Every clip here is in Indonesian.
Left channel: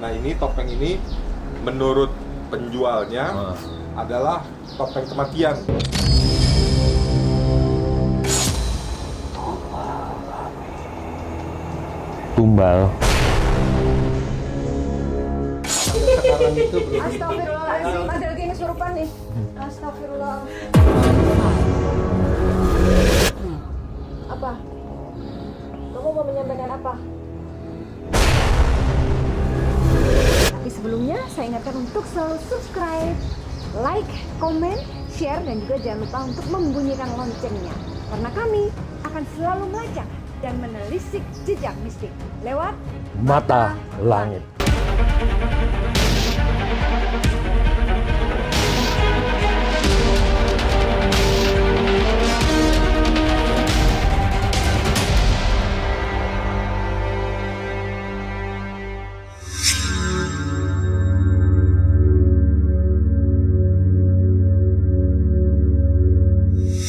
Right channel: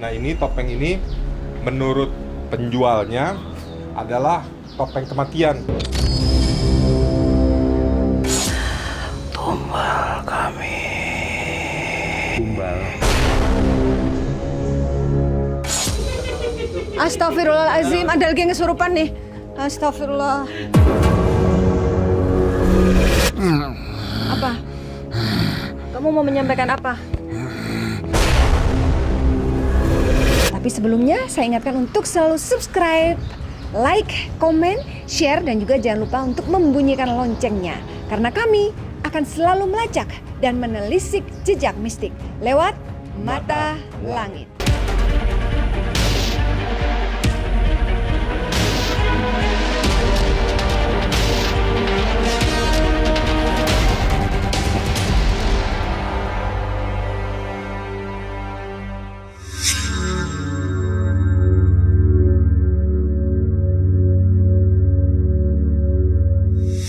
Nah ini topeng ini menurut penjualnya adalah topeng kematian. Tumbal kami. Tumbal. Astagfirullahaladzim, ada lagi yang kesurupan nih. Astagfirullah. Apa? Kamu mau menyampaikan apa? Tapi sebelumnya saya ingatkan untuk selalu subscribe, like, komen, share, dan juga jangan lupa untuk membunyikan loncengnya. Karena kami akan selalu melacak dan menelisik jejak mistik lewat Mata Langit.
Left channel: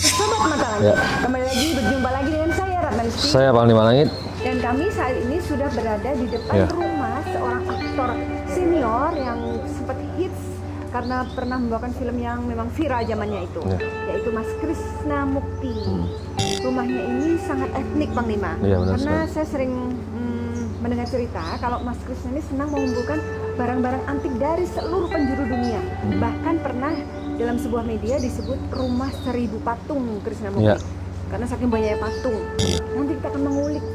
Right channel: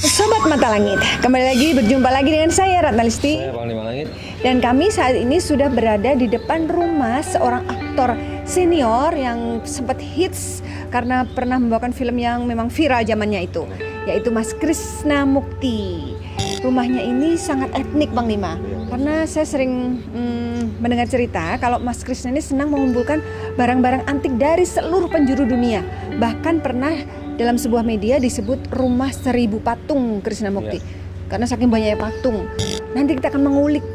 Sobat Mata Langit, kembali lagi berjumpa lagi dengan saya Ratna Listi. Saya Panglima Langit. Dan kami saat ini sudah berada di depan rumah seorang aktor senior yang sempat hits karena pernah membawakan film yang memang viral zamannya itu, yaitu Mas Krishna Mukti. Rumahnya ini sangat etnik, Bang Lima. Karena saya sering mendengar cerita kalau Mas Krishna ini senang mengumpulkan barang-barang antik dari seluruh penjuru dunia. Bahkan pernah dalam sebuah media disebut rumah 1000 patung Krishna Mukti. Karena saking banyaknya patung. Nanti kita akan mengulik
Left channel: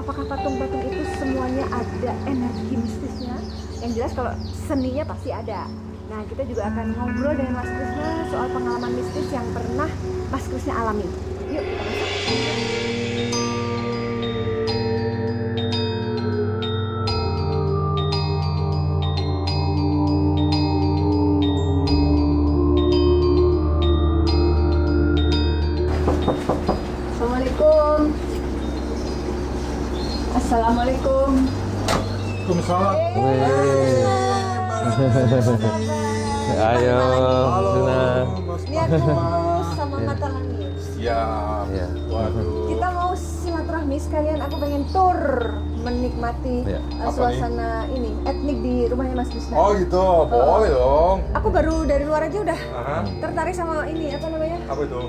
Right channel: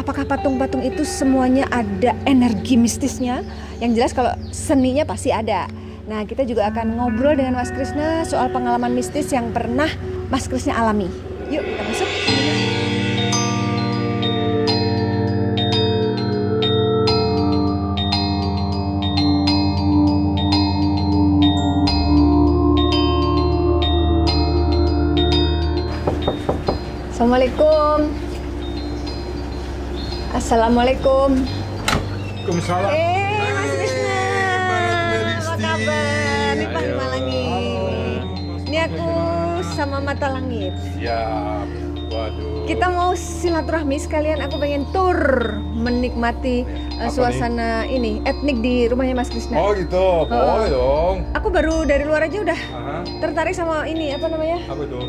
apakah patung-patung itu semuanya ada energi mistisnya. Yang jelas kalau seninya pasti ada. Nah, kita juga akan ngobrol dengan Mas Krishna soal pengalaman mistis yang pernah Mas Krishna alami. Yuk, kita masuk. Assalamualaikum. Assalamualaikum. Waalaikumsalam. Mas Krishna. Apa kabar? Ayo. Ini aku sama Mata Langit. Siap. Waduh. Kita mau silaturahmi sekalian, aku pengen tur menikmati suasana ini etnik di rumahnya Mas Krishna. Oh gitu, boleh dong. Aku baru dari luar aja udah tertarik sama ini apa namanya? Apa tuh?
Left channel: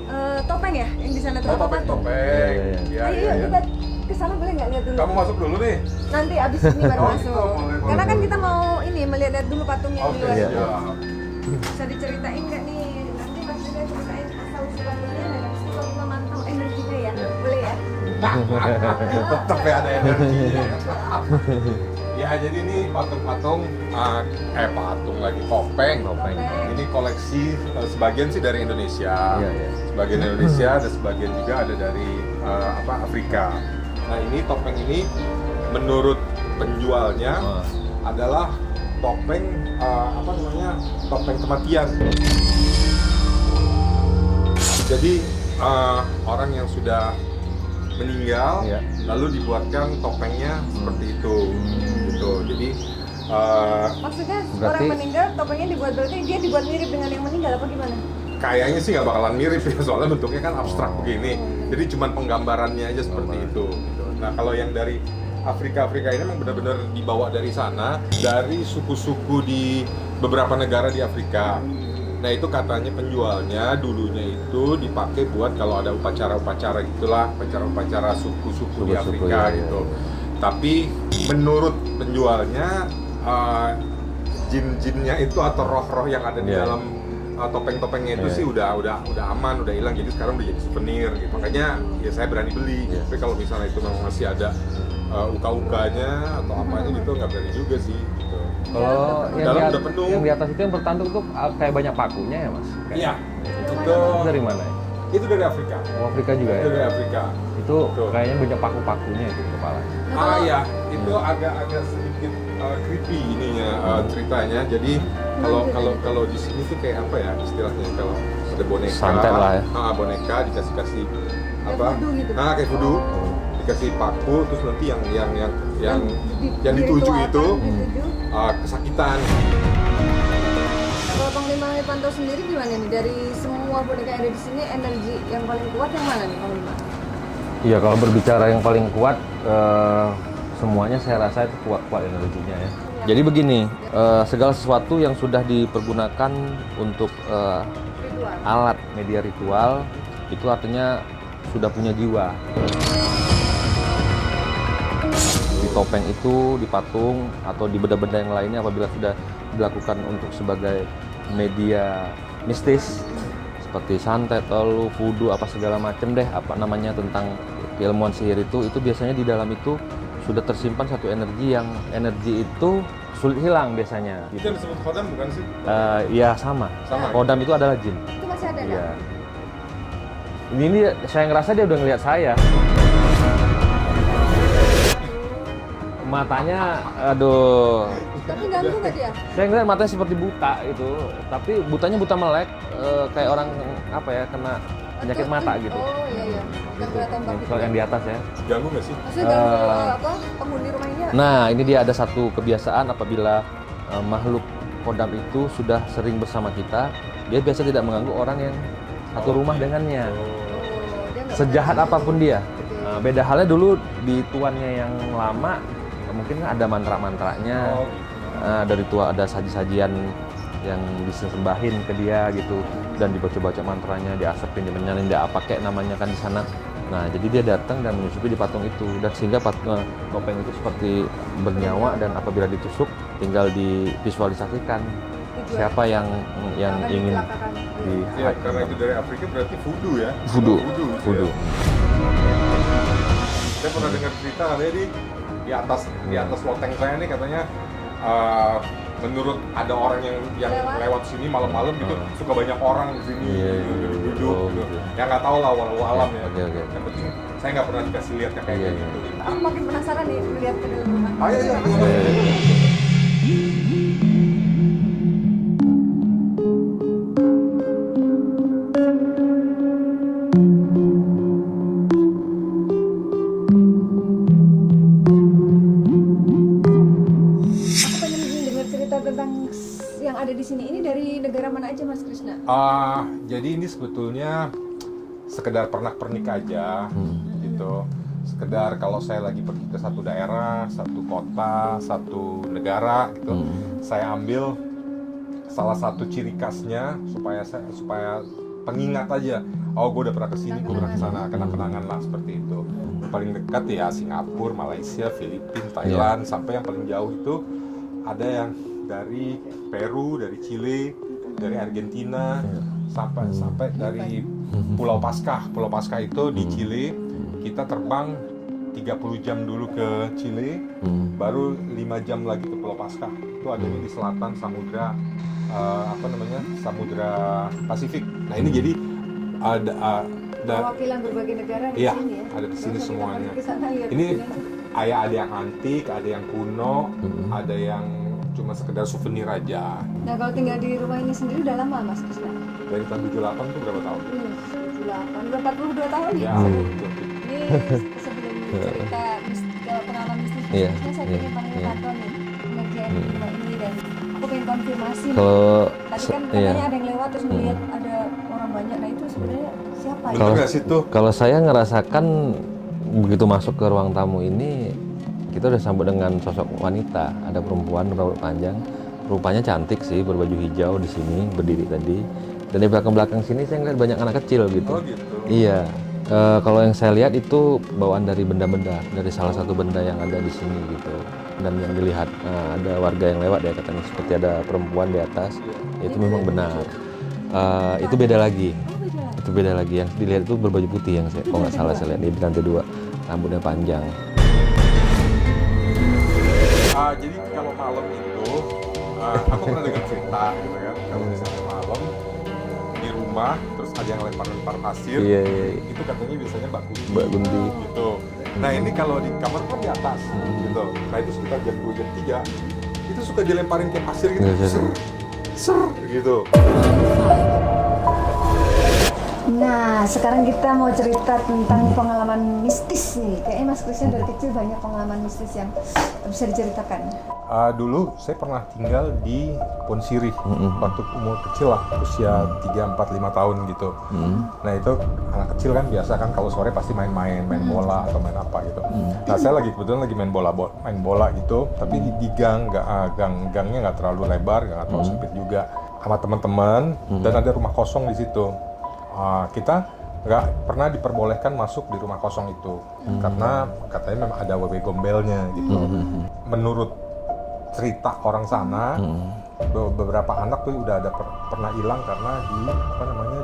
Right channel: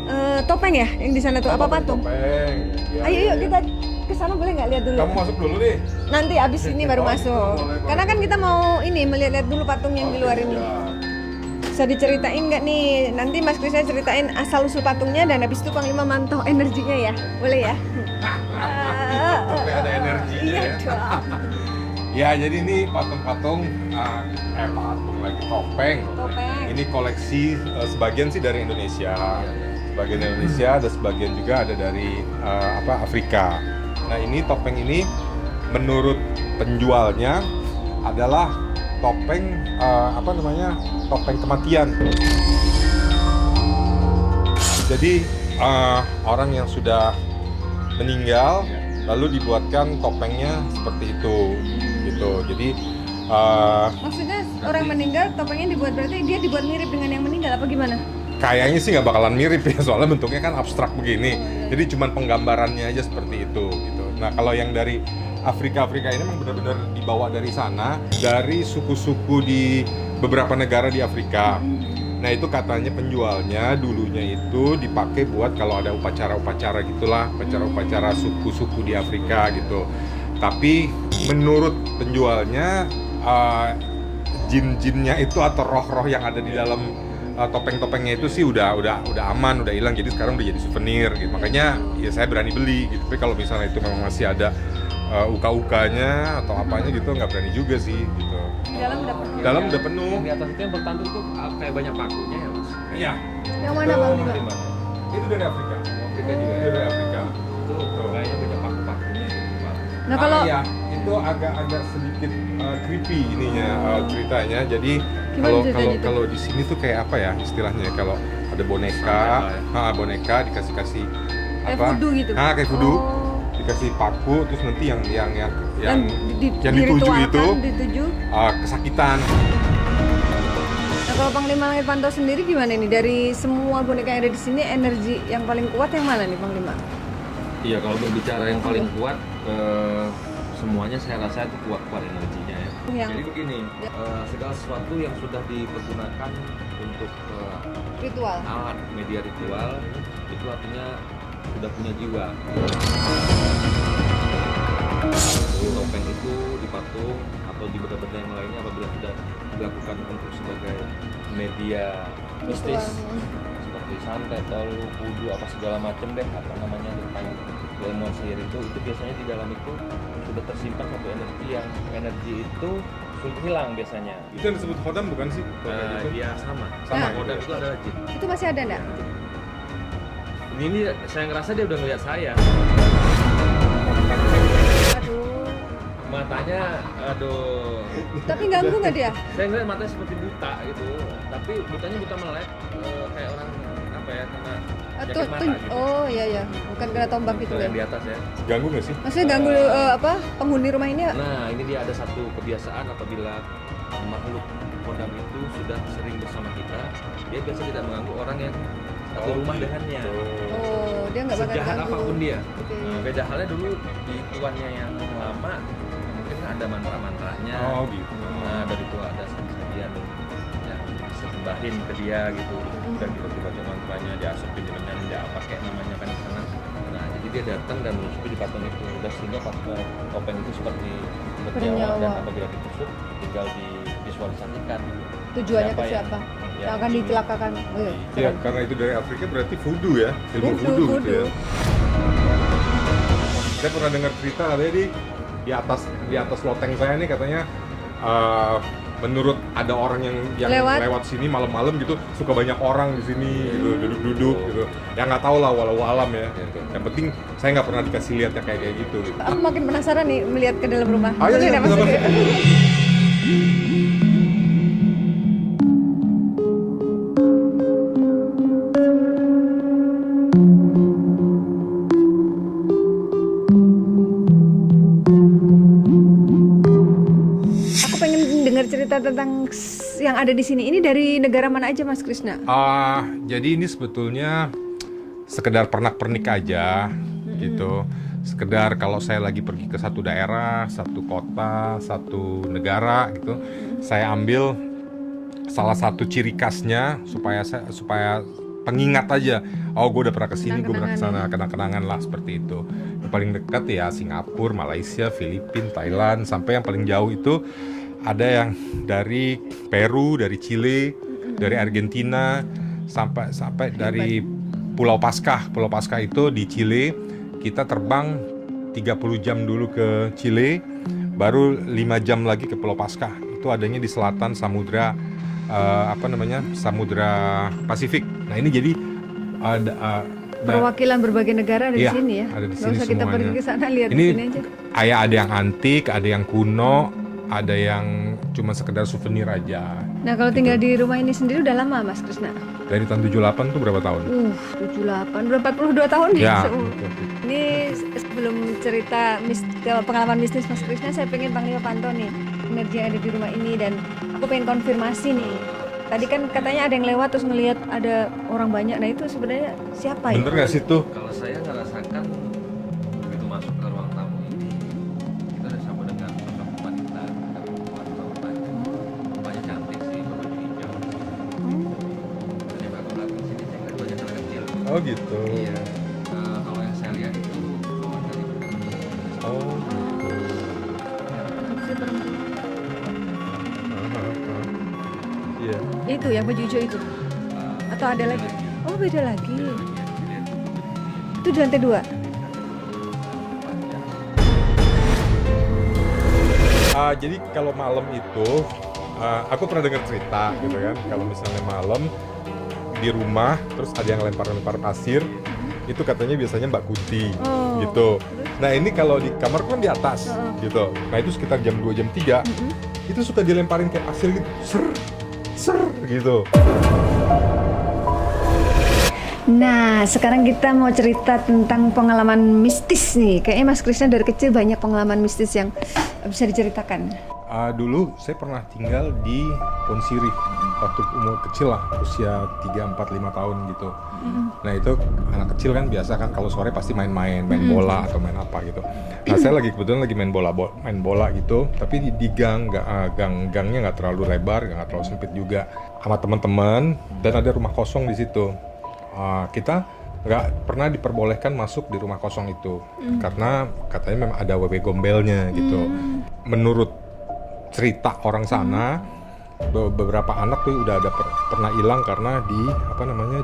Topeng ya yang di sana tuh apa patung? Topeng. Ya, Ayo yuk ya. kita ke sana boleh nggak lihat dulu? Kamu masuk dulu nih. Nanti abis ini baru masuk. boleh. Karena kan kita mau ini melihat dulu patung yang di luar itu. Ya. Bisa diceritain nggak nih? Nanti Mas Krishna ceritain asal usul patungnya dan habis itu Panglima mantau energinya ya. Boleh ya? Tetap ya ada energinya. Ya jadi ini patung-patung, patung lagi topeng. Ini koleksi sebagian sih dari Indonesia, sebagian Indonesia dan sebagian juga ada dari Afrika. Nah ini topeng ini menurut penjualnya adalah topeng topeng kematian. Jadi orang yang sudah meninggal lalu dibuatkan topengnya seperti itu gitu. Jadi Maksudnya orang meninggal topengnya dibuat berarti dia dibuat mirip dengan yang meninggal apa gimana? kayaknya sih nggak bakalan mirip ya, soalnya bentuknya kan abstrak begini. Jadi cuman penggambarannya aja seperti itu gitu. Nah kalau yang dari Afrika ini memang benar-benar dibawa dari sana, dari suku-suku di beberapa negara di Afrika. Nah itu katanya penjualnya dulunya itu dipakai buat kalau ada upacara-upacara gitulah, upacara-upacara suku-suku di Afrika gitu. Tapi menurut penjualnya jin-jinnya itu atau roh-roh yang ada di dalam topeng-topengnya itu sih udah aman, udah hilang, jadi sekarang udah jadi souvenir gitu. Makanya ya saya berani beli gitu. Tapi kalau misalnya itu memang masih ada uka-ukanya atau apanya gitu nggak berani juga sih gitu. Oh, Dalam udah penuh. Yang di atas itu yang bertanduk tuh kayak banyak pakunya ya, Mas? Iya. Yang mana Bang? Itu dari mana? Itu dari Afrika. Oh, Afrika juga ya? Itu dari Afrika. Itu kayaknya banyak paku-pakunya itu kepala. Nah kalau ya, itu agak sedikit creepy ininya ceritanya. Jadi kalau di sini tuh kayak apa ya istilahnya, kalau ada boneka, Santet lah ya. Boneka dikasih Kayak apa? voodoo gitu? Kayak voodoo. Dikasih paku, terus nanti yang dituju itu dituju. kesakitan. Nah, kalau Panglima Irvanto sendiri gimana nih? Dari semua boneka yang ada di sini, energi yang paling kuat yang mana nih Panglima? Iya, kalau berbicara yang paling kuat, semuanya saya rasa itu kuat-kuat energinya ya. Iya. Jadi begini, segala sesuatu yang sudah dipergunakan untuk Ritual. alat media ritual itu artinya sudah punya jiwa. Di topeng itu, di patung atau di benda-benda yang lainnya apabila sudah dilakukan untuk sebagai media mistis seperti santet, lalu voodoo apa segala macam deh apa namanya tentang ilmuwan sihir itu biasanya di dalam itu sudah tersimpan satu energi yang energi itu sulit hilang biasanya. Itu disebut khodam bukan sih? Ya sama. Sama. Kodam itu adalah jin. Itu masih ada enggak? Ya. Ini saya ngerasa dia udah ngeliat saya. Matanya, aduh. Tapi ganggu nggak dia? Saya ngeliat matanya seperti buta gitu. Tapi butanya buta melek, kayak orang apa ya kena penyakit mata gitu. Oh iya iya. Bukan kena tombak gitu. Kalau Ya. yang di atas ya. Ganggu nggak sih? Maksudnya ganggu apa penghuni rumah ini? Ya? Nah, ini dia ada satu kebiasaan apabila makhluk kodam itu sudah sering bersama kita, dia biasa tidak mengganggu orang yang satu rumah dengannya. Oh, dia nggak Sejahat pernah ganggu. apapun dia. Beda halnya dulu di tuannya yang lama, ya mungkin ada mantra-mantranya. Oh gitu. Dari tua ada saji-sajian yang disembahin ke dia gitu, dan dibaca-baca mantranya, diasapin, dimenyarin, dia apa kayak namanya kan di sana. Nah, jadi dia datang dan menusuki di patung itu, dan sehingga topeng itu seperti bernyawa, dan apabila ditusuk tinggal divisualisasikan Tujuannya siapa itu yang akan ingin dicelakakan. Ya, karena itu dari Afrika berarti voodoo ya? Voodoo. Voodoo. Saya pernah dengar cerita ada di atas loteng saya nih katanya menurut ada orang yang lewat sini malam-malam gitu suka banyak orang di sini gitu, duduk-duduk gitu. Ya nggak tahu lah walau alam ya. Oke. Yang penting saya nggak pernah dikasih lihat yang kayak gitu. Aku makin penasaran nih melihat ke dalam rumah. Oh iya, Boleh iya, nggak, Mas? boleh. Aku pengen dengar cerita tentang yang ada di sini. Ini dari negara mana aja, Mas Krisna? Jadi ini sebetulnya sekedar pernak-pernik aja gitu. Sekedar kalau saya lagi pergi ke satu daerah, satu kota, satu negara gitu, saya ambil salah satu ciri khasnya supaya pengingat aja. Oh, gue udah pernah kesini, gue pernah kesana, kenang-kenangan lah seperti itu. Yang paling dekat ya Singapura, Malaysia, Filipina, Thailand, sampai yang paling jauh itu ada yang dari Peru, dari Chile, dari Argentina, sampai dari Pulau Paskah. Pulau Paskah itu di Chile. Kita terbang 30 jam dulu ke Chile, baru 5 jam lagi ke Pulau Paskah. Itu adanya di selatan Samudra Samudra Pasifik. Nah ini jadi ada Perwakilan berbagai negara ada di Iya, sini ya. ada di Nggak sini usah kita semuanya. pergi ke sana, lihat Ini di sini aja. kayak ada yang antik, ada yang kuno, ada yang cuma sekedar souvenir aja. Nah, kalau tinggal di rumah ini sendiri udah lama, Mas Krisna? Dari tahun 78 tuh berapa tahun? 78, udah 42 tahun Ya. Ini sebelum cerita pengalaman mistis Mas Iya, Krisna, saya iya. pengen panggil Pantau nih, energi yang ada di rumah ini, dan aku pengen konfirmasi nih. Kalau Tadi kan katanya ada yang lewat terus melihat ada orang banyak. Nah, itu sebenarnya siapa ya? Bener nggak sih tuh? Kalau saya ngerasakan begitu masuk ke ruang tamu ini, kita udah sambut dengan sosok wanita. Ada perempuan berambut panjang, rupanya cantik sih, berbaju hijau di sini berdiri tadi. Dan di belakang sini saya ngeliat banyak anak kecil gitu. Oh gitu. Iya. Kalau yang saya lihat itu bawaan dari benda-benda, dari salah satu benda yang ada di sini gitu. Dan yang dilihat ada warga yang lewat ya, katanya seperti ada perempuan di atas. Iya. Itu ya, baju hijau itu. Atau Itu ada beda lagi? lagi. Oh, beda lagi. Itu beda lagi, yang dilihat itu berbaju putih yang saya Itu di kalau lantai nggak salah dua? saya lihat di lantai 2, rambutnya panjang. Jadi kalau malam itu, aku pernah dengar cerita gitu kan, kalau misalnya malam di rumah terus ada yang lempar-lempar pasir, Iya. itu katanya biasanya Mbak Kunti Oh. gitu. Nah ini kalau di kamar kan di atas gitu. Nah itu sekitar jam 2 jam 3 itu suka dilemparin kayak pasir gitu, Iya. ser, ser gitu. Nah, sekarang kita mau cerita tentang pengalaman mistis nih. Kayaknya Mas Krisna dari kecil banyak pengalaman mistis yang bisa diceritakan. Dulu saya pernah tinggal di Ponsiri waktu umur kecil lah, usia 3, 4, 5 tahun gitu. Nah itu anak kecil kan biasa kan kalau sore pasti main bola atau main apa gitu. Nah saya kebetulan lagi main bola gitu, tapi di gang, gangnya nggak terlalu lebar, nggak terlalu sempit juga, sama teman-teman dan ada rumah kosong di situ. Kita nggak pernah diperbolehkan masuk di rumah kosong itu karena katanya memang ada wewe gombelnya gitu. Menurut cerita orang sana, beberapa anak tuh udah ada pernah hilang karena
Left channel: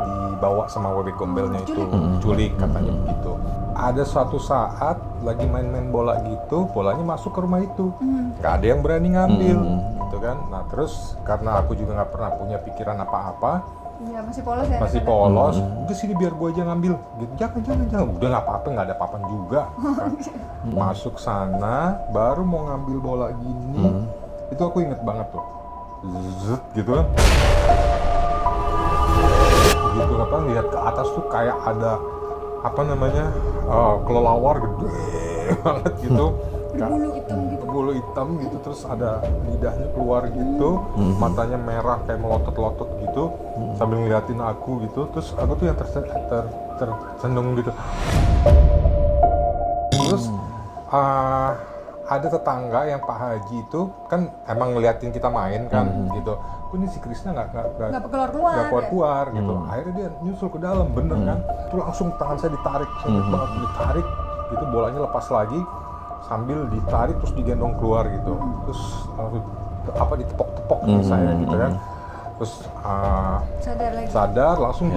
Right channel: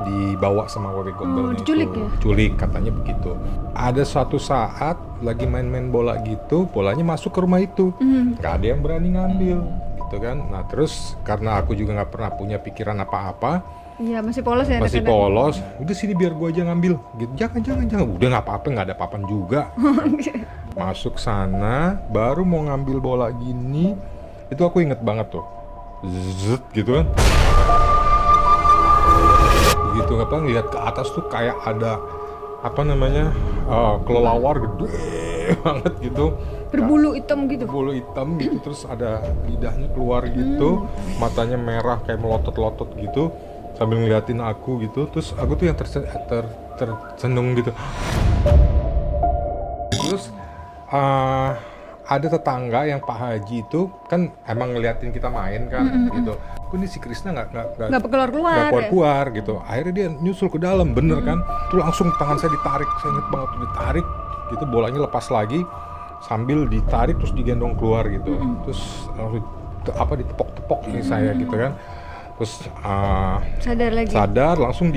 dibawa sama wewe gombelnya diculik katanya begitu. Ada suatu saat lagi main bola gitu, bolanya masuk ke rumah itu, nggak ada yang berani ngambil gitu kan. Nah terus karena aku juga nggak pernah punya pikiran apa-apa, Iya, masih polos ya. masih polos, udah sini biar gua aja ngambil gitu. Jangan, udah nggak apa-apa, nggak ada apa-apa juga kan. Masuk sana baru mau ngambil bola gini, itu aku inget banget tuh, zet gitu kan, begitu lihat ke atas tuh kayak ada kelelawar gede banget gitu, Berbulu hitam gitu. bulu hitam gitu, terus ada lidahnya keluar gitu, matanya merah kayak melotot-lotot gitu, sambil ngeliatin aku gitu, terus aku tuh yang tercenung gitu. Terus ada tetangga yang Pak Haji itu kan emang ngeliatin kita main kan gitu. Ini si Krisna nggak keluar gitu. Akhirnya dia nyusul ke dalam, bener kan? Tuh langsung tangan saya ditarik, saya ingat banget ditarik gitu, bolanya lepas lagi. Sambil ditarik terus digendong keluar gitu, terus ditepok-tepok saya gitu kan, terus sadar langsung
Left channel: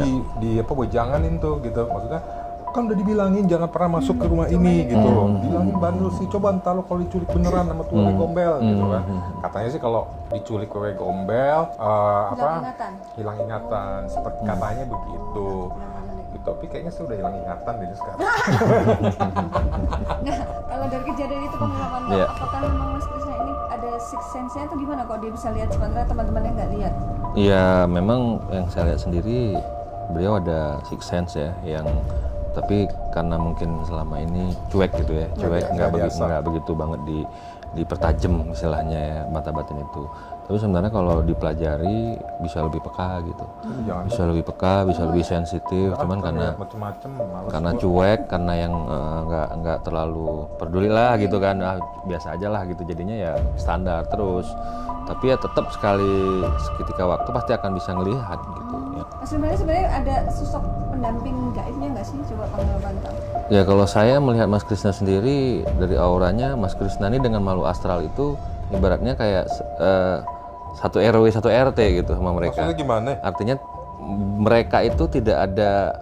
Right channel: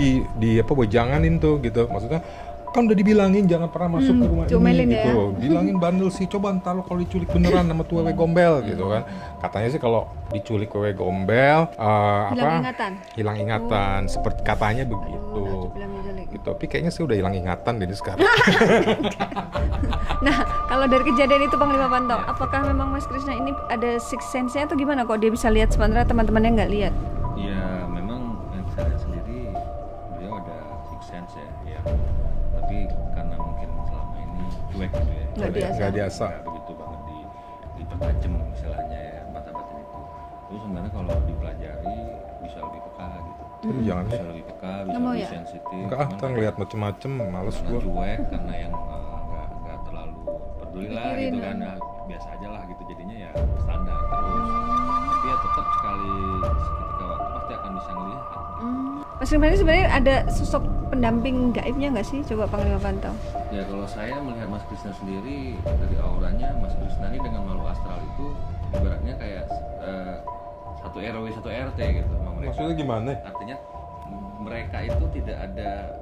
wejanganin tuh gitu, maksudnya kan udah dibilangin jangan pernah masuk ke rumah ini gitu, bilangin bandel sih, coba ntar lo kalau diculik beneran sama tuh wewe gombel gitu kan, katanya sih kalau diculik wewe gombel hilang ingatan, seperti katanya begitu. Gitu. Tapi kayaknya saya udah hilang ingatan dari sekarang. Nah, kalau dari kejadian itu Panglima Pantau, apakah memang Mas Krisna ini ada sixth sense-nya atau gimana kok dia bisa lihat sementara teman-temannya nggak lihat? Iya, memang yang saya lihat sendiri beliau ada sixth sense ya, tapi karena mungkin selama ini cuek gitu ya, nggak begitu banget dipertajam istilahnya ya, mata batin itu. Tapi sebenarnya kalau dipelajari bisa lebih peka gitu, bisa lebih peka, bisa lebih sensitif. Cuman karena macem-macem, karena cuek, karena yang nggak terlalu peduli lah gitu kan, biasa aja lah gitu, jadinya ya standar terus. Tapi ya tetap seketika waktu pasti akan bisa ngelihat gitu. Ya. Mas Krisna ini sebenarnya ada sosok pendamping gaibnya nggak sih? Coba Panglima Pantau. Ya kalau saya melihat Mas Krisna sendiri dari auranya, Mas Krisna ini dengan makhluk astral itu ibaratnya kayak satu RW satu RT gitu sama mereka. Maksudnya gimana? Artinya mereka itu tidak ada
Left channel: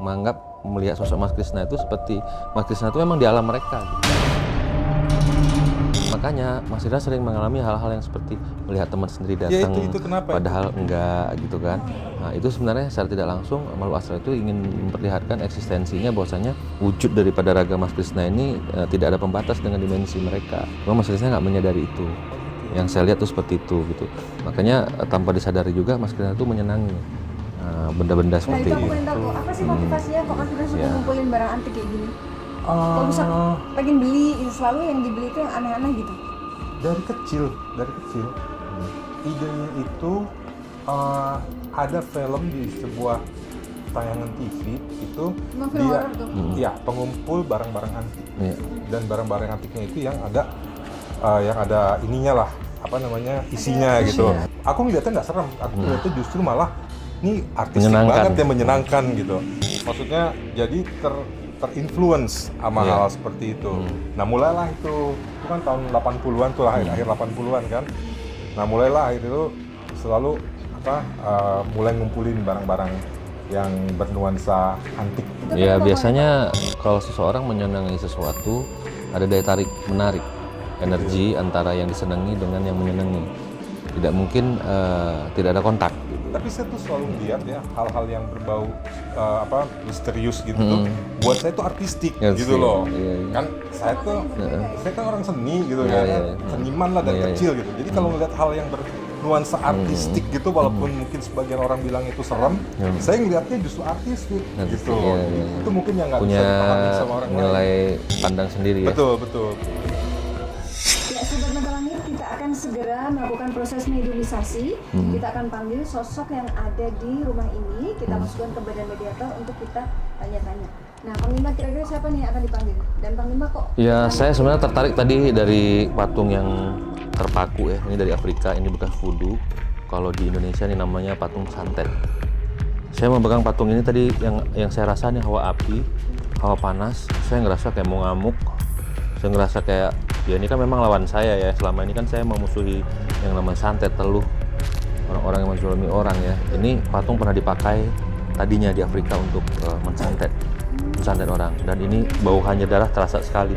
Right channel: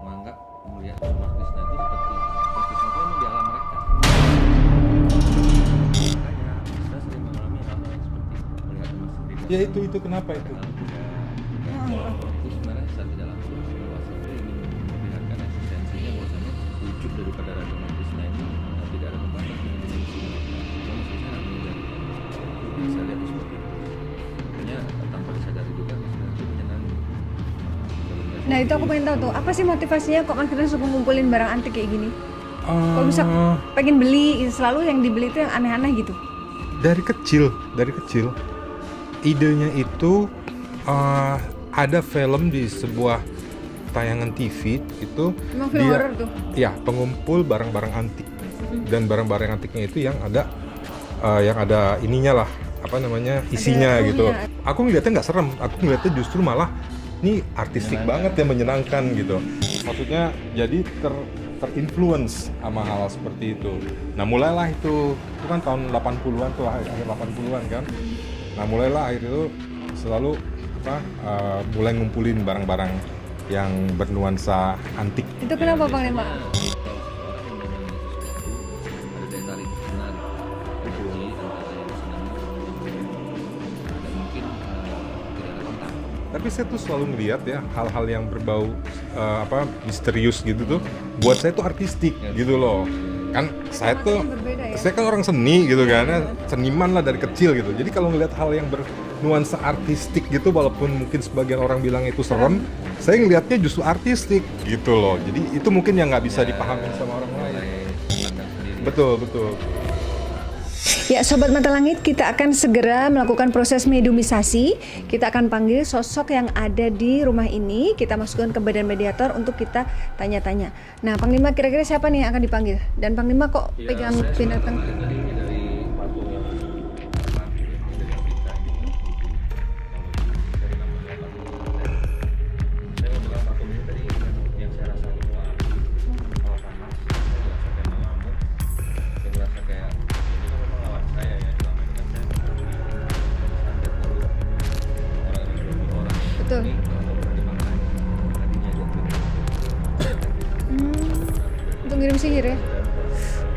menganggap melihat sosok Mas Krisna itu seperti Mas Krisna itu memang di alam mereka. Makanya Mas Krisna sering mengalami hal-hal yang seperti melihat teman sendiri datang. Ya itu kenapa? Padahal enggak gitu kan. Nah itu sebenarnya secara tidak langsung makhluk astral itu ingin memperlihatkan eksistensinya, bahwasanya wujud daripada raga Mas Krisna ini tidak ada pembatas dengan dimensi mereka. Cuma Mas Krisna nggak menyadari itu. Yang saya lihat tuh seperti itu gitu. Makanya tanpa disadari juga Mas Krisna itu menyenangi benda-benda seperti itu. Nah itu aku pengen tahu tuh, apa sih motivasinya kok Mas Krisna suka ngumpulin barang antik kayak gini? Kok bisa pengen beli, selalu yang dibeli itu yang aneh-aneh gitu? Dari kecil. Idenya itu ada film di sebuah tayangan TV itu dia pengumpul barang-barang antik. Dan barang-barang antiknya itu yang ada ininya lah, isinya gitu. Aku ngeliatnya nggak serem, aku ngeliatnya justru malah ini artistik banget ya, menyenangkan gitu. Maksudnya jadi terinfluence sama hal seperti itu. Nah mulailah itu kan tahun 80-an tuh, akhir 80-an kan. Nah mulailah akhir itu selalu mulai ngumpulin barang-barang yang bernuansa antik. Ya biasanya kalau seseorang menyenangi sesuatu ada daya tarik menarik, energi antara yang disenangi dengan yang menyenangi. Tidak mungkin tidak ada kontak. Tapi saya tuh selalu melihat ya hal-hal yang berbau misterius gitu tuh buat saya tuh artistik gitu loh. Kan saya kan orang seni gitu kan, seniman lah dari kecil gitu. Jadi kalau melihat hal yang bernuansa artistik gitu, walaupun mungkin sebagian orang bilang itu serem, saya ngelihatnya justru artistik gitu loh. Jadi itu mungkin yang nggak bisa dipahami sama orang lain. Nilai pandang sendiri. Betul. Ya, Sobat Mata Langit, kita akan segera melakukan proses mediumisasi. Kita akan panggil sosok yang ada di rumah ini. Kita masukkan ke badan mediator untuk kita tanya-tanya. Nah, Panglima, kira-kira siapa nih yang akan dipanggil? Dan Panglima kok Ya, pegang saya sebenarnya binatang? tertarik tadi dari patung yang terpaku ya. Ini dari Afrika, ini bekas voodoo. Kalau di Indonesia ini namanya patung santet. Saya memegang patung ini tadi yang saya rasa nih hawa api, hawa panas. Saya ngerasa kayak mau ngamuk. Saya ngerasa kayak ya ini kan memang lawan saya ya. Selama ini kan saya memusuhi yang namanya santet, teluh, orang-orang yang menzalimi orang ya. Betul. Ini patung pernah dipakai tadinya di Afrika untuk mensantet orang, dan ini Mengirim bau sihir ya? hanya darah terasa sekali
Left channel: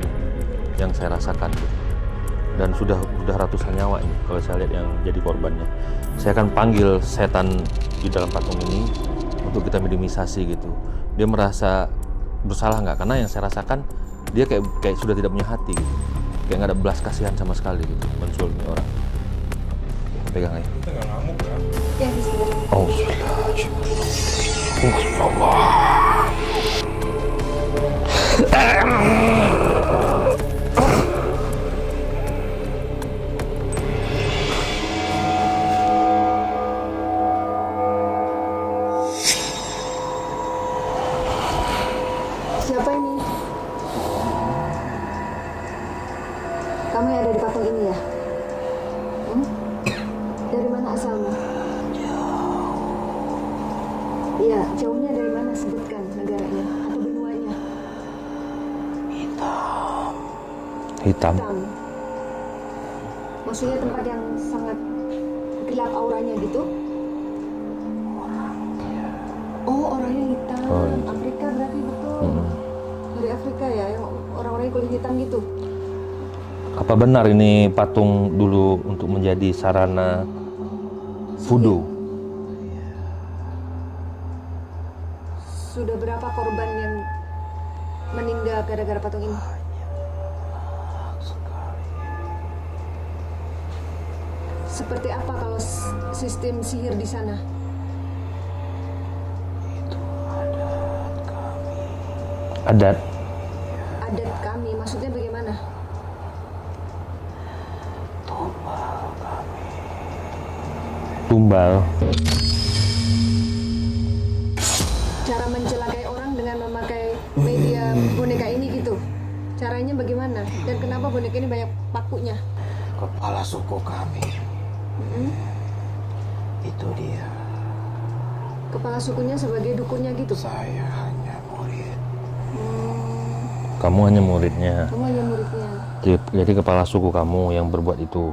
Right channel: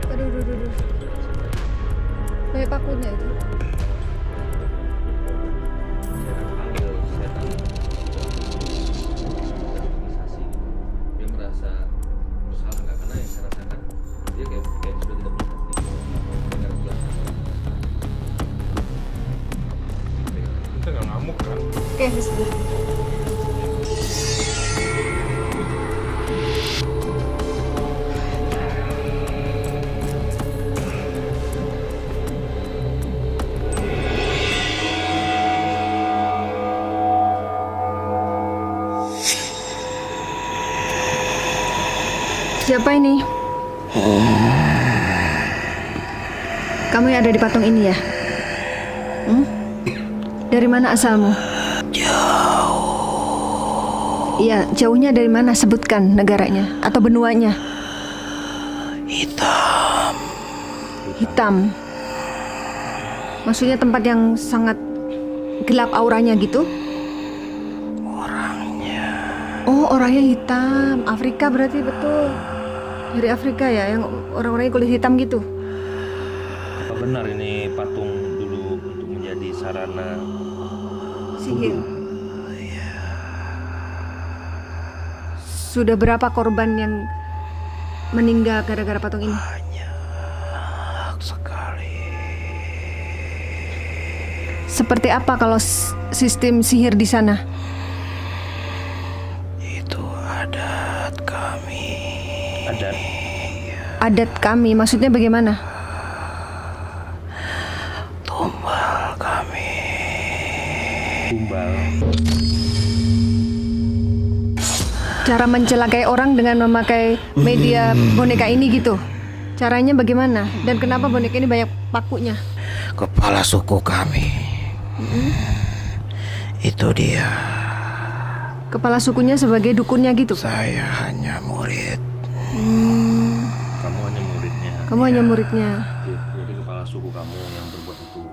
yang saya rasakan, dan Banyak sudah banget ya? ratusan nyawa ini kalau saya lihat yang jadi korbannya. Saya akan panggil setan di dalam patung ini untuk kita mediumisasi gitu. Dia merasa bersalah nggak? Karena yang saya rasakan dia kayak sudah tidak punya hati gitu. Kayak nggak ada belas kasihan sama sekali gitu, menzalimi orang. Pegang aja. Kita nggak ngamuk kan? Oke, bismillah. Oh, Siapa ini? Kamu yang ada di patung ini ya? Dari mana asalmu? Jauh. Iya, jauhnya dari mana? Sebutkan negaranya atau benuanya. hitam. Hitam. Maksudnya tempat yang sangat gelap auranya gitu? Oh, orangnya hitam. Afrika berarti betul. Dari Afrika ya, yang orang-orangnya kulit hitam gitu. Apa benar ini patung dulu untuk menjadi sarana voodoo? Sudah berapa korban yang meninggal gara-gara patung ini? Seperti apa kalau sistem sihir di sana? Adat. Adat kami, maksudnya bagaimana? Tumbal. Cara mencelakai orang dengan memakai media boneka ini gitu. Caranya bagaimana? Dan kenapa boneka ini banyak pakunya? Kepala suku kami. Itu dia. Kepala sukunya sebagai dukunnya gitu. Saya hanya murid. Kamu hanya muridnya. Kamu hanya muridnya. Jadi kepala suku kamu yang berbuat itu.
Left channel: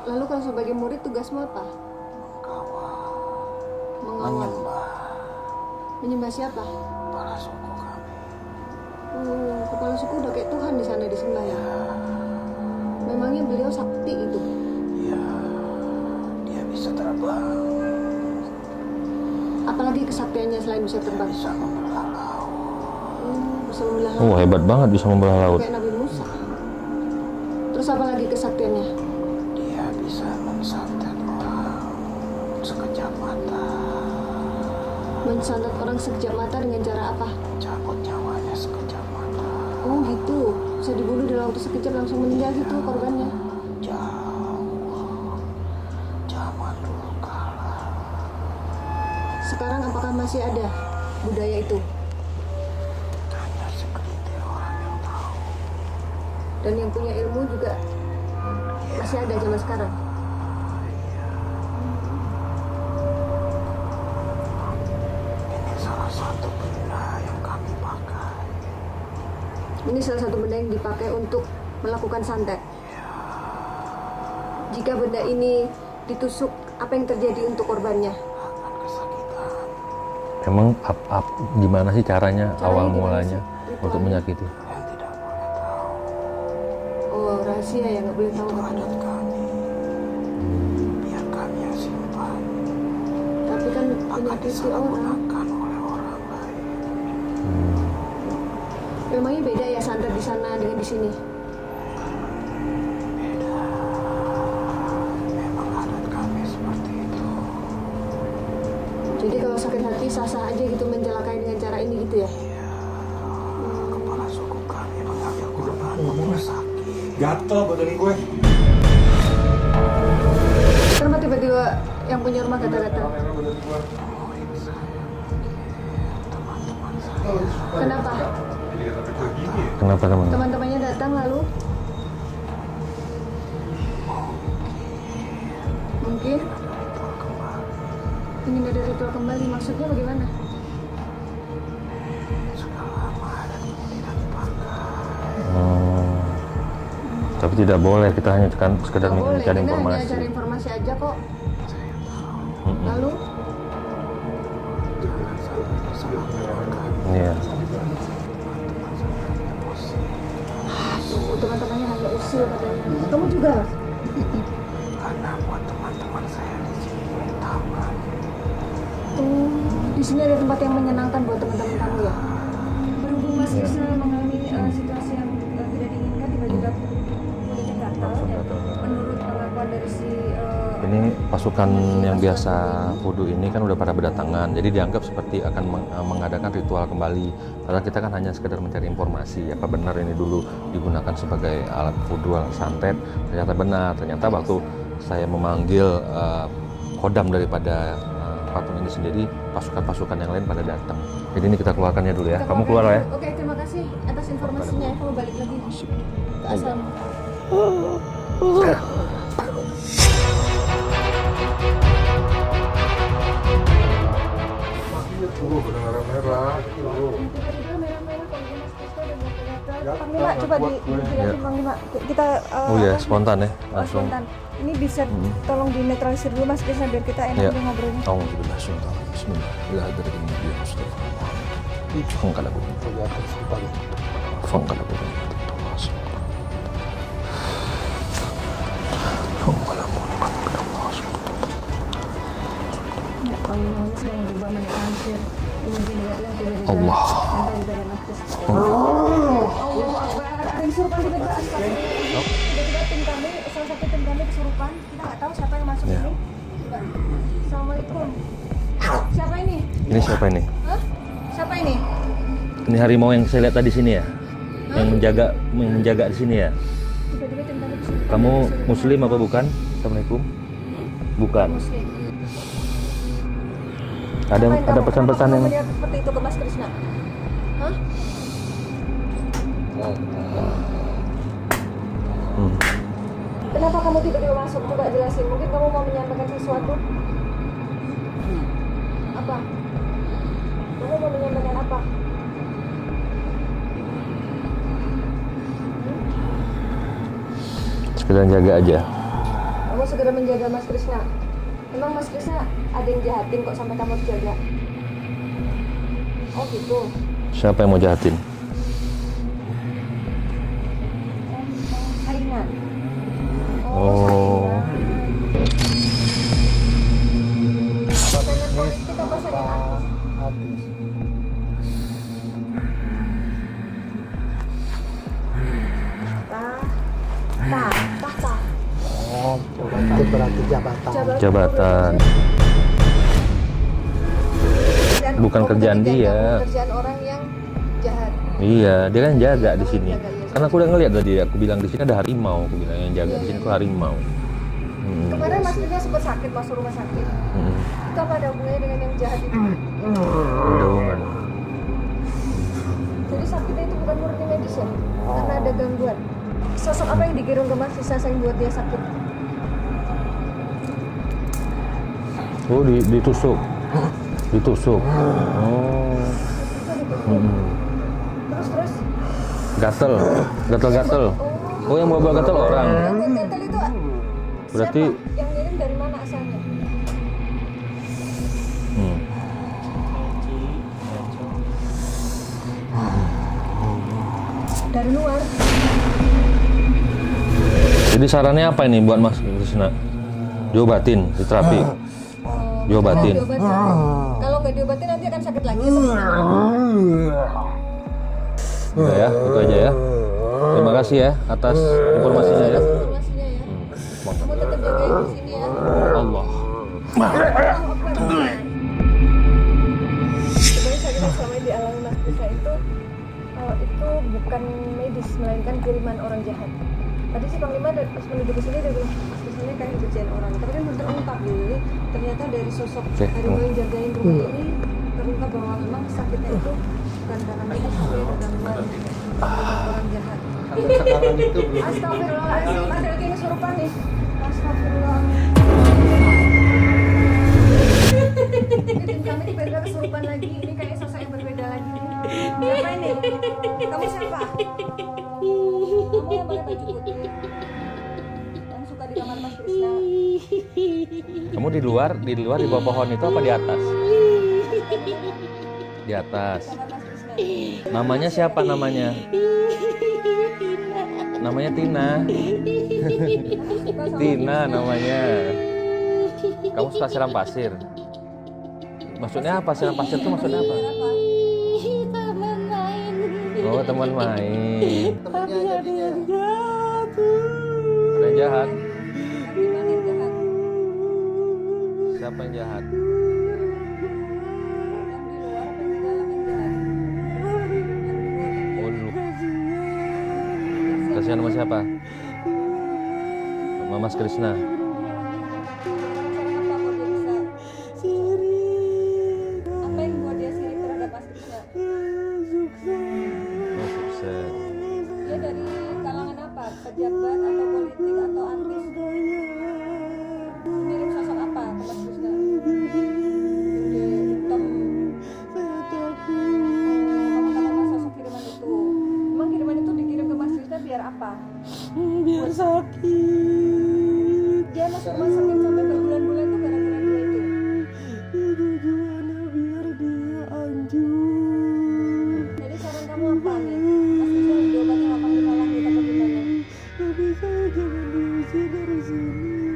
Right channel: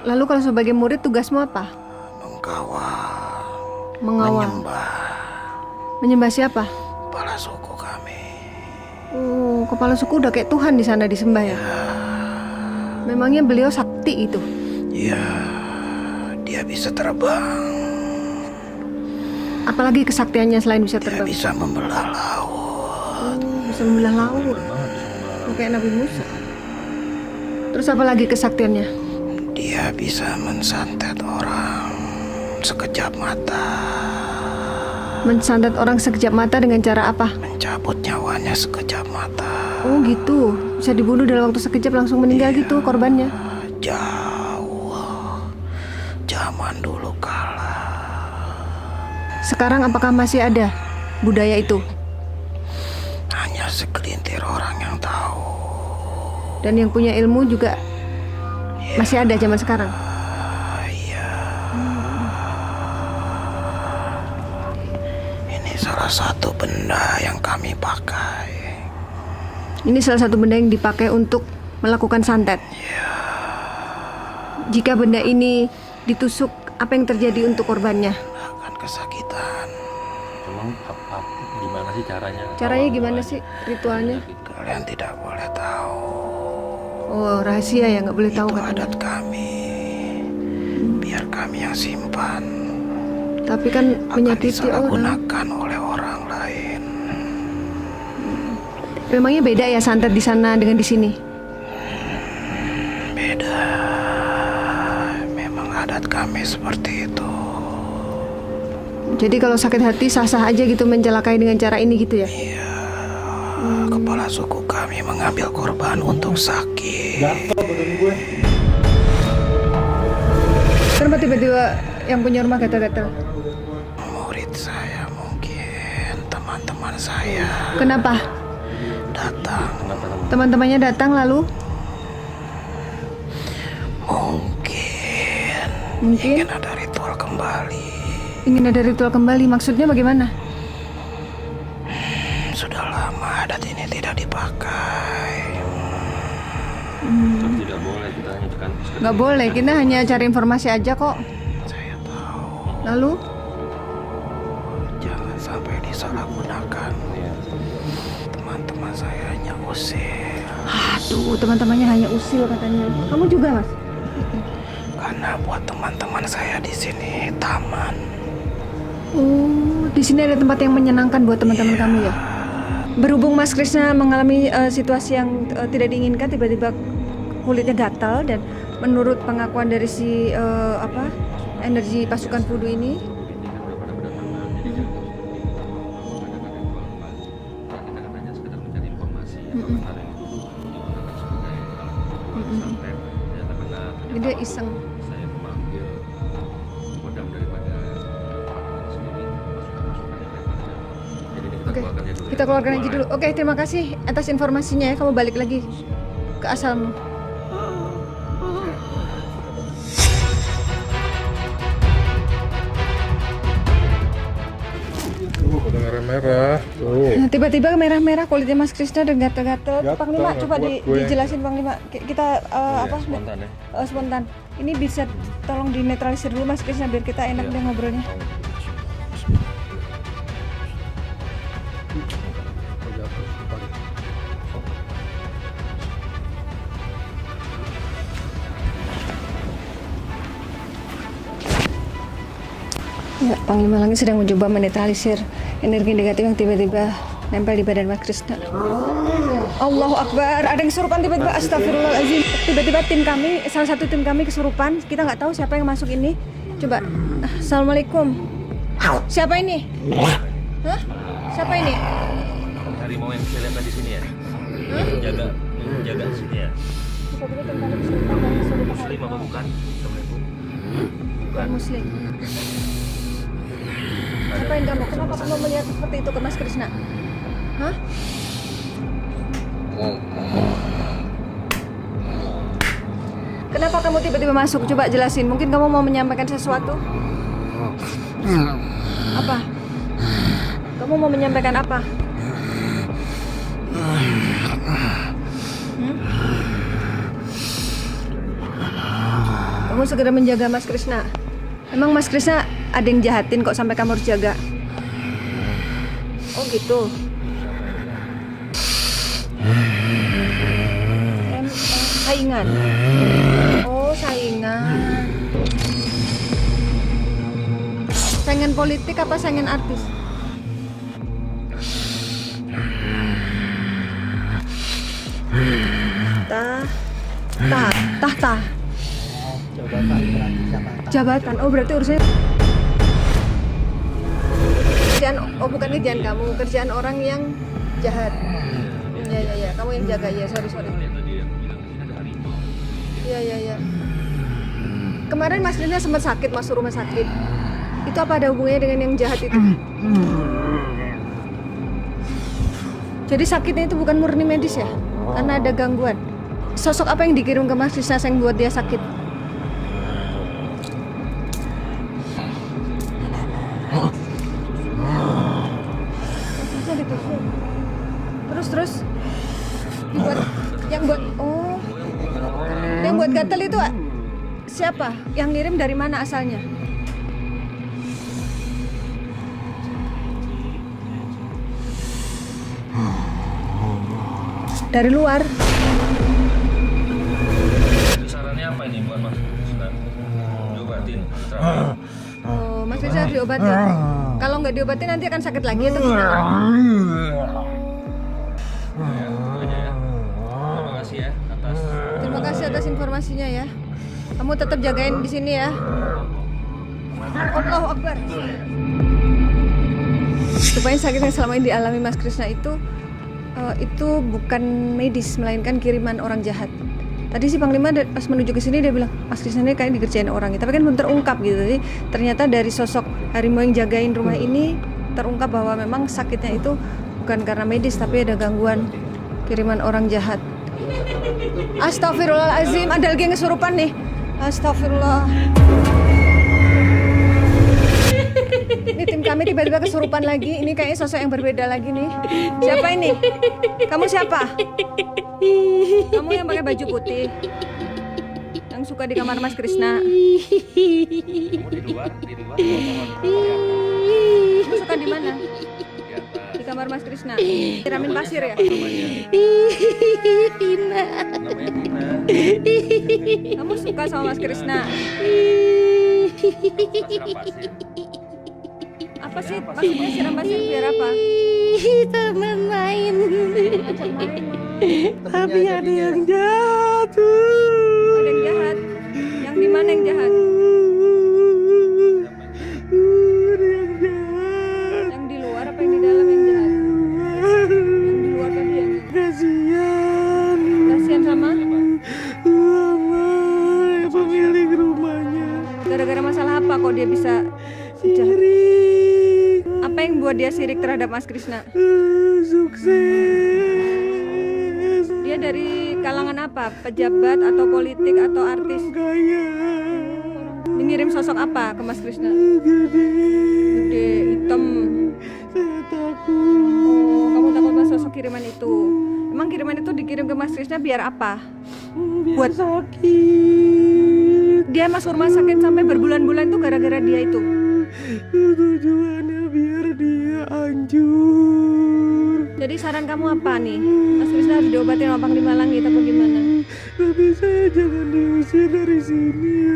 Lalu kalau sebagai murid tugasmu apa? Mengkawal. Mengawal. Menyembah siapa? Kepala suku kami. Oh, kepala suku udah kayak Tuhan di sana disembah ya? Memangnya beliau sakti itu? Ya, dia bisa terbang. Apalagi kesaktiannya selain bisa Dia terbang? bisa membelah laut. Oh, bisa membelah laut. Oh, hebat banget bisa membelah laut. Kayak Nabi Musa. Terus apa lagi kesaktiannya? Dia bisa mensantet orang sekejap mata. Mensantet orang sekejap mata dengan cara apa? Mencabut nyawanya sekejap mata. Oh gitu, bisa dibunuh dalam waktu sekejap langsung meninggal gitu korbannya. Jauh. Zaman dulu kala. Sekarang apakah masih ada budaya itu? Hanya segelintir orang yang tahu. Dan yang punya ilmu juga masih ada zaman sekarang? Ini salah satu benda yang kami pakai. Ini salah satu benda yang dipakai untuk melakukan santet. Jika benda ini ditusuk, apa yang terjadi untuk korbannya? Akan kesakitan. Emang gimana sih caranya? Caranya awal gimana mulanya sih? untuk Ritualnya? menyakiti? Kalian tidak boleh tahu. Oh, rahasia ya, nggak boleh tahu Itu katanya. adat kami. Biar kami yang simpan. Tapi kan Akan menyakiti orang. disalahgunakan oleh orang lain. Memangnya beda ya santet di sana dengan di sini? Beda. Memang adat kami seperti itu. Jadi kalau sakit hati sah-sah aja gitu mencelakai dengan cara ini gitu ya? kepala suku kami mengambil korban untuk sakit. Gatel badan gue. Kenapa tiba-tiba yang punya rumah gatal-gatal? Murid saya mungkin, teman-teman saya Kenapa? datang. Kenapa teman? Teman-temannya datang lalu Mungkin ingin ada ritual kembali. ingin ada ritual kembali. Maksudnya bagaimana? Sudah lama adat ini tidak dipakai. Tapi tidak boleh, kita hanya kan sekedar Gak boleh, mencari kita hanya informasi. cari informasi aja kok. Saya tahu. Lalu? Jangan sampai disalahgunakan. Iya. Teman-teman saya hanya usir. Aduh, teman-temannya hanya usil katanya. Kamu juga, Mas? Karena buat teman-teman saya di sini taman. Oh, di sini ada tempat yang menyenangkan buat teman-teman kamu ya? Berhubung Mas Krisna mengalami situasi yang tidak diinginkan, tiba-tiba kulitnya gatal dan menurut pengakuan dari si Ini pasukan energi yang pasukan biasa kudu ini, ini kan udah pada berdatangan, jadi dianggap seperti akan mengadakan ritual kembali. Karena kita kan hanya sekedar mencari informasi, apa benar ini dulu digunakan sebagai alat ritual santet. Ternyata benar, ternyata Tidak waktu iseng. saya memanggil kodam daripada patung ini sendiri, pasukan-pasukan yang lain pada datang. Jadi ini kita keluarkannya dulu ya. kita Kamu keluarkan keluar aja ya. dulu. Oke, terima kasih atas informasinya ya. Kamu balik lagi ke asalmu. Badan merah-merah. Nah, tiba-tiba merah-merah kulitnya Mas Krisna dan gatal-gatal. Gatal, Panglima, coba kuat gue. dijelasin Panglima. Kita Oh ya, spontan ya. Oh, spontan. Ini bisa tolong dinetralisir dulu Mas Krisna biar kita enak Iya. deh ngobrolnya. Kamu sudah sultan. Bismillah. Angkat aku. Angkat aku. Ya, Panglima Langit sedang mencoba menetralisir energi negatif yang tiba-tiba nempel di badan Mas Krisna. Allahu Akbar, ada yang kesurupan tiba-tiba. Astagfirullahaladzim. Tiba-tiba tim kami, salah satu tim kami kesurupan. Kita nggak tahu siapa yang masuk ini. Coba. Assalamualaikum. Siapa ini? Ini siapa ini? Hah? Siapa ini? Ini harimau yang saya lihat tadi sini ya? Yang menjaga di sini ya? Tiba-tiba tim kami kesurupan. Kamu muslim apa bukan? Assalamualaikum. Bukan. Muslim. Ada Apa yang ada kamu- pesan-pesan kenapa kamu yang melihat seperti itu ke Mas Krisna? Hah? Kenapa kamu tiba-tiba masuk? Coba jelasin. Mungkin kamu mau menyampaikan sesuatu. Apa? Kamu mau menyampaikan apa? sekedar jaga aja. Kamu segera menjaga Mas Krisna. Emang Mas Krisna ada yang jahatin kok sampai kamu harus jaga? Oh gitu. Siapa yang mau jahatin? Saingan. Oh, saingan. Saingan politik apa saingan artis? Tahta. Itu berarti jabatan. Jabatan. Oh, berarti Jabatan. maksudnya Bukan kerjaan dia. kamu, kerjaan orang yang jahat. Iya, dia kan Iya, jaga iya, di kamu sini. yang jaga, iya, Karena aku udah ngeliat tadi, aku bilang di sini ada harimau, aku bilang yang jaga Iya, di iya, sini iya. harimau. Kemarin Mas Rina sempat sakit, masuk rumah sakit. Itu apa ada hubungannya dengan yang jahat itu? Ada hubungan. Jadi sakitnya itu bukan murni medis ya? Karena ada gangguan. Sosok apa yang dikirim ke Mas Rina yang buat dia sakit? Oh, ditusuk. Ditusuk. Oh. Terus? Gatel. Gatel-gatel. Oh, yang mau gatel orang. Yang buat gatel itu siapa? Berarti- Yang ngirim dari mana asalnya? Dari luar. Jadi sarannya apa ini buat Mas Krisna? Diobatin, diterapi. Oh, Mas Diobatin. Rina diobatin. Kalau nggak diobatin nanti akan sakit lagi atau gimana? Udah ya, itu aja ya. Terima kasih ya atas Terima informasi. kasih atas informasinya ya. Kamu tetap jagain di sini ya. Allah. Allahu Akbar. Supaya sakit yang selama ini dialami Mas Krisna itu itu bukan medis, melainkan kiriman orang jahat. Tadi si Panglima pas menuju ke sini dia bilang, Mas Krisna ini kayak dikerjain orang, tapi kan belum terungkap gitu. Jadi ternyata dari sosok harimau yang jagain rumah ini terungkap bahwa memang sakitnya itu bukan karena medis, tapi ada gangguan kiriman orang jahat. Astagfirullahaladzim, ada lagi yang kesurupan nih. Astagfirullah. Ini tim kami tiba-tiba kesurupan lagi. Ini kayaknya sosok yang berbeda lagi nih. Siapa ini? Kamu siapa? Kamu yang pakai baju putih, yang suka di kamar Mas Krisna. Kamu di luar di bawah pohon itu apa di atas? Kamu suka di mana? Di atas. Di kamar Mas Krisna. Namanya siapa namanya? Tina. Namanya Tina. Kamu suka sama Mas Tina Krisna? namanya. Kamu suka siram pasir? Maksudnya apa siram pasir itu maksudnya apa? Biar apa? Teman main. Oh, teman main. Tapi ada yang jahat. Yang jahat. Yang di mana yang jahat? Siapa yang jahat? Yang di luar apa yang di dalam yang jahat? Yang di luar tadi ya? Kasihan. Kasihan Kasihan sama? sama siapa? Mama. Mas Krisna. Pemilik rumahnya. Gara-gara masalah apa kok dia bisa jahat? Sirik. Apa yang buat dia sirik terhadap Mas Krisna? Sukses. Dia dari kalangan apa? Pejabat atau politik atau artis? Kaya. Mengirim sosok apa ke Mas Krisna? Gede. Gede, hitam. Saya takut. Oh, kamu takut sama sosok kiriman itu? Emang kiriman itu dikirim ke Mas Krisna biar apa? Biar Buat- sakit. Dia masuk rumah sakit sampai berbulan-bulan itu gara-gara dia itu. Tujuannya biar dia hancur. Jadi saran kamu apa nih? Mas Krisna harus diobatin sama Panglima Langit apa gimana? Tapi saya jangan diusir dari sini ya.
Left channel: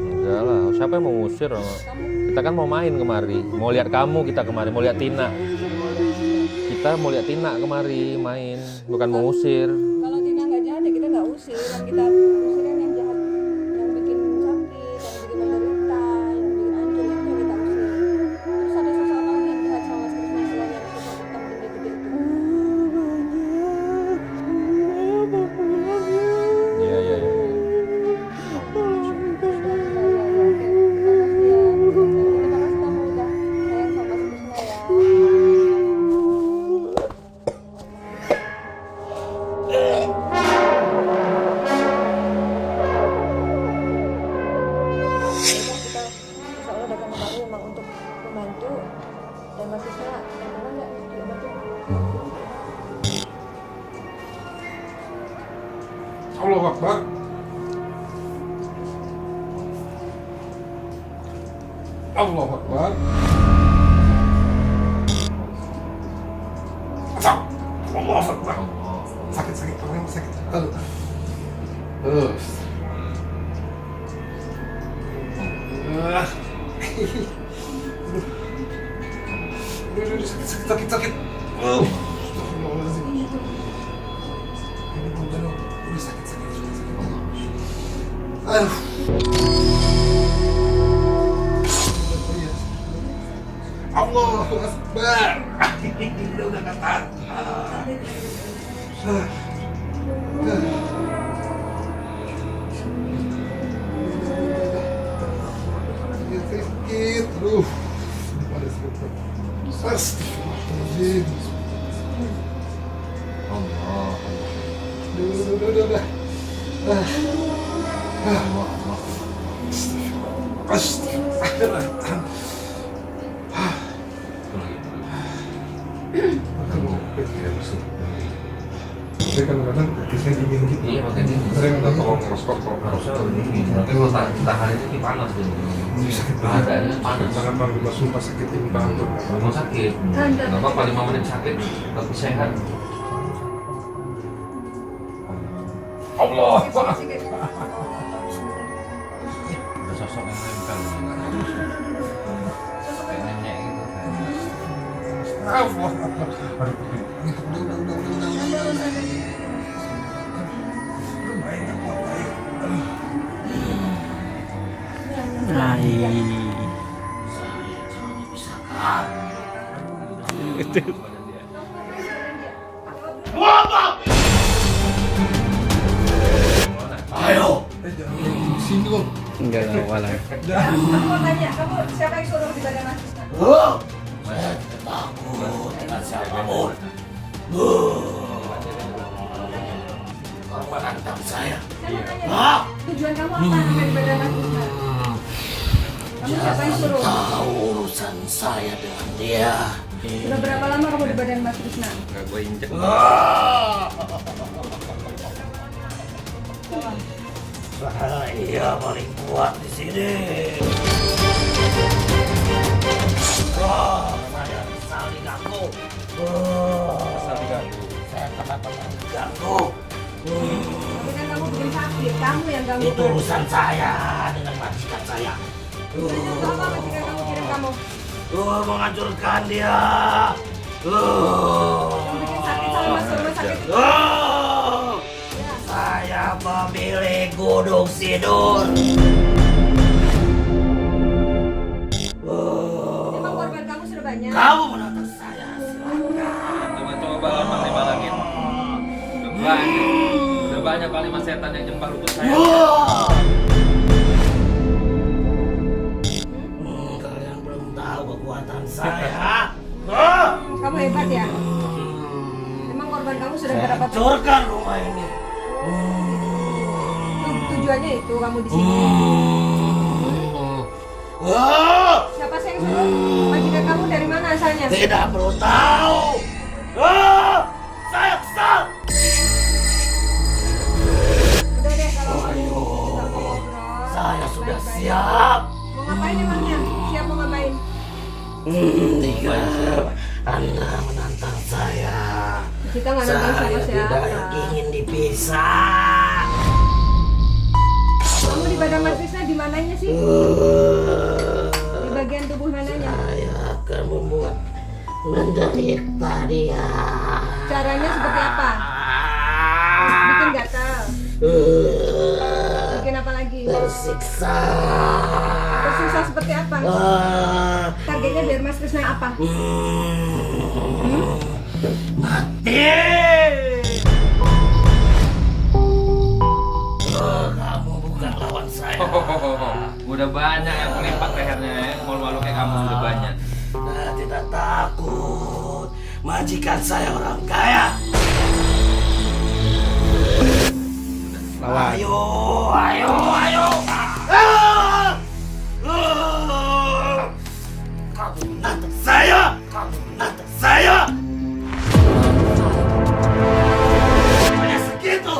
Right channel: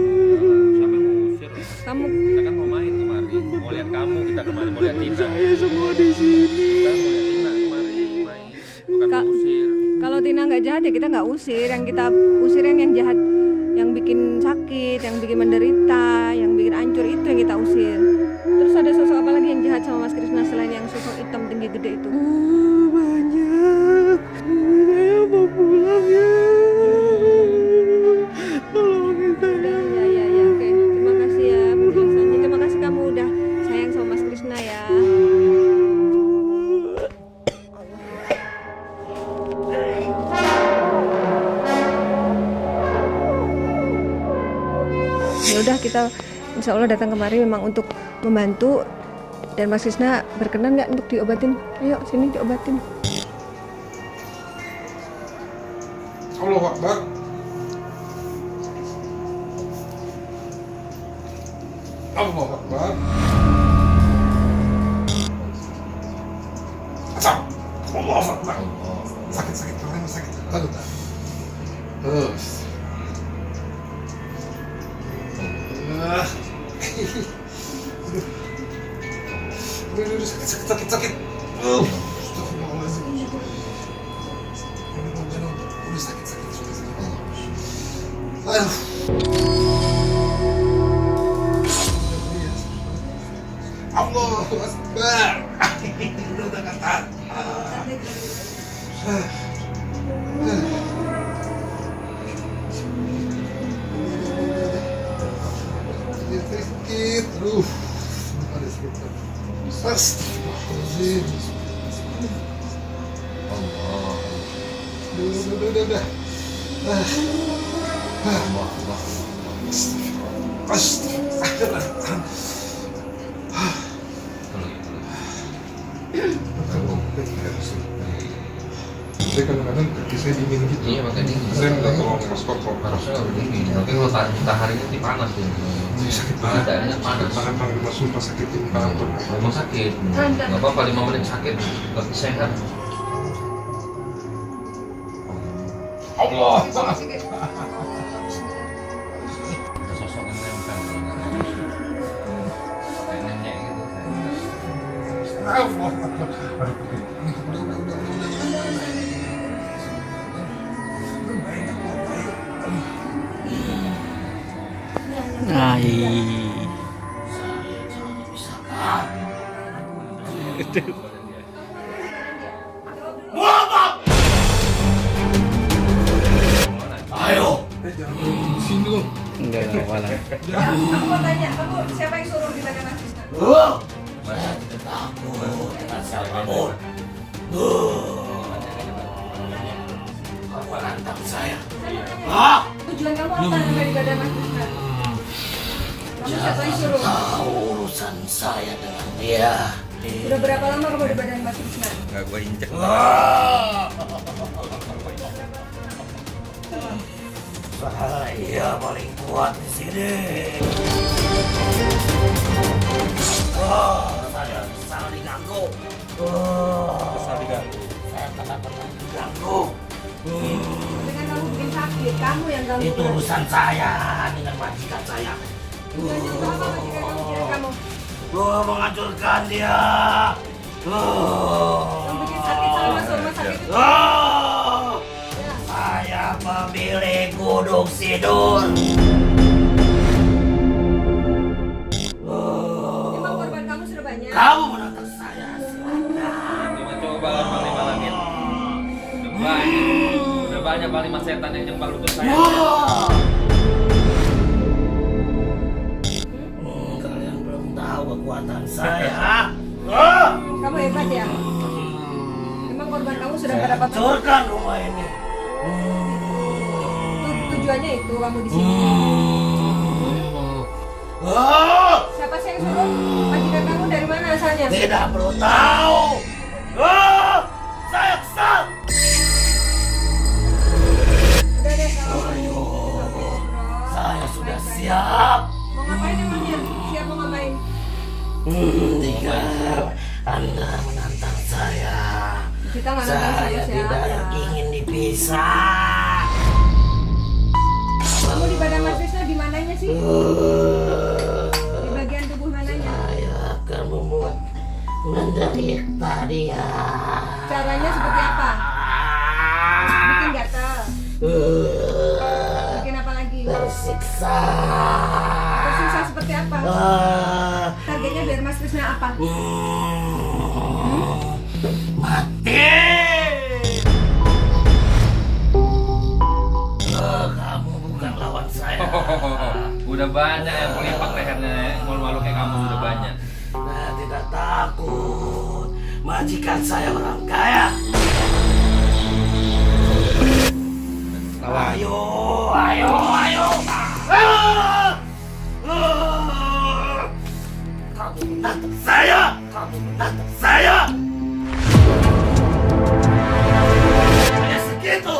Enggak lah, siapa yang mau ngusir? Kamu Kita kan mau main kemari, mau lihat kamu kita kemari, mau lihat Tina. Saya semua di sini. Kita mau lihat Tina kemari main, bukan mau ngusir. kalau Tina nggak jahat ya kita nggak usir. Yang kita usir yang jahat, yang bikin sakit, yang bikin menderita, yang bikin hancur itu yang kita usir. Terus ada sosok apa lagi yang jahat sama Mas Krisna selain yang sosok hitam tinggi gede itu? Banyak. Saya mau pulang ya. Iya. Tolong kita. Ya, oke. Terima kasih ya penjelasannya. Terima kasih kamu udah sayang sama Mas Krisna ya. Ya udah kita insya Allah datang kemari memang untuk membantu, dan Mas Krisna berkenan nggak untuk diobatin? Ayo sini diobatin. Allahu Akbar. Allahu Akbar. Asal. Allahu Akbar. Sakit, tangan sakit. Aduh. Terus. Aduh, sakit. Astagfirullahaladzim. Udah sakit. Aduh. Allahu Akbar. Udah ketat. Sakit. Aduh. Ada sakit. Astagfirullahaladzim. Allah. Udah. Astagfirullah. Saya kadang-kadang kaki saya dingin gitu. Iya, makanya dingin. Saya minta tolong skop. Harusnya udah dingin. Tapi kalau tahan ini panas ya. Ini sakit banget. Badannya panas. Tangan Panglima sumpah sakitin banget. Memang sakit. Nggak apa-apa 5 menit sakit, tapi sehat. Allah. Ada sosok yang nempel nih, nggak kayak nenek gitu kan. Allah. Aduh, udah. Enggak apa-apa lah. Aku mau tanya, kamu siapa yang suruh di badan Mas Krisna? Saya takut dengan siapapun. Kamu menantang saya. Tujuan kamu apa sampai di badan Mas Krisna? Kamu siapa yang suruh? Tahu urusan saya dengan dia. Sudah berapa lama kamu di badan Mas Krisna? Enggak gue injek. Saya paling kuat di sini. Saya kesal diganggu. Saya pernah diganggu. Tapi kan kamu bikin sakit, kamu yang ganggu. Itu urusan saya dengan majikan saya. Tujuannya untuk apa majikan kamu kirim kamu? Menghancurkan dia. Yang bikin sakit sama masuk rumah sakit. Saya pemilik Gunung Sidur. Emang korban kamu sudah banyak? Kamu menantang saya. Coba-coba kan Panglima Langit. Udah banyak Panglima Setan yang nyembah lutut saya. Kalian belum tahu kekuatan saya. Kamu hebat ya? Emang korban kamu sudah Saya berapa? hancurkan rumah ini. Tujuannya itu kamu di sini. Siapa sih yang suruh? Majikan kamu dari mana asalnya? Tidak perlu tahu. Saya kesal. Udah deh kalau Saya sudah siap. mau ngapain emangnya? Siap mau ngapain? Jika Anda menantang saya, Kita nggak nonton sama saya tidak siapa. ingin dipisah. Kamu di badan Mas Krisna di mananya sih? Di bagian tubuh mananya? Saya akan membuat menderita dia. Caranya seperti apa? Bikin gatal. Bikin apa lagi? Tersiksa. Tersiksa seperti apa? Targetnya biar Mas Krisna apa? Mati. Kamu bukan lawan saya. Udah banyak yang pelimpak lehernya ya. Malu-malu kayak kamu udah banyak. Saya tidak takut. Majikan saya orang kaya. Ayo, ayo, ayo. Kamu menantang saya. Kamu menantang saya. Hanya segitu.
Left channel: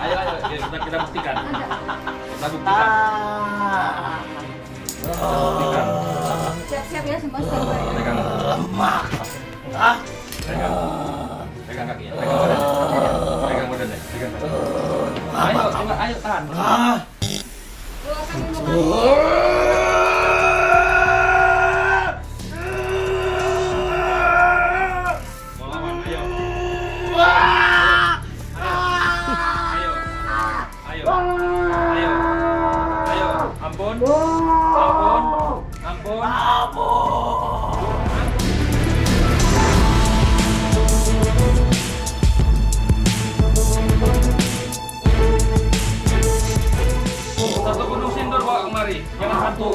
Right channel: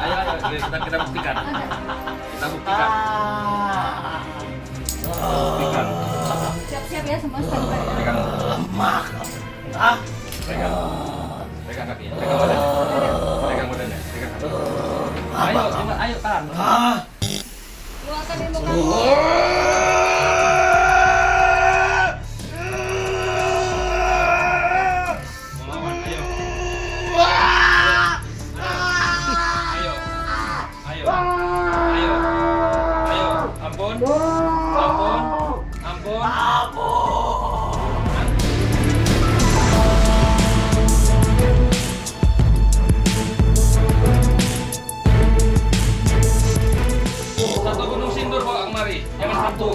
Ayo, kita buktikan. Kita buktikan. Buktikan. Siap-siap ya semua standby. Pegang. Lemah. Hah? Pegang kakinya. Pegang badannya. Pegang kakinya. Ayo, tahan. Keluarkan ilmu kamu. Mau lawan, ayo. Ayo. Ayo. Ayo. Ayo. Ampun. Ampun. Ampun. Satu gunung sindur bawa kemari. Jangan satu.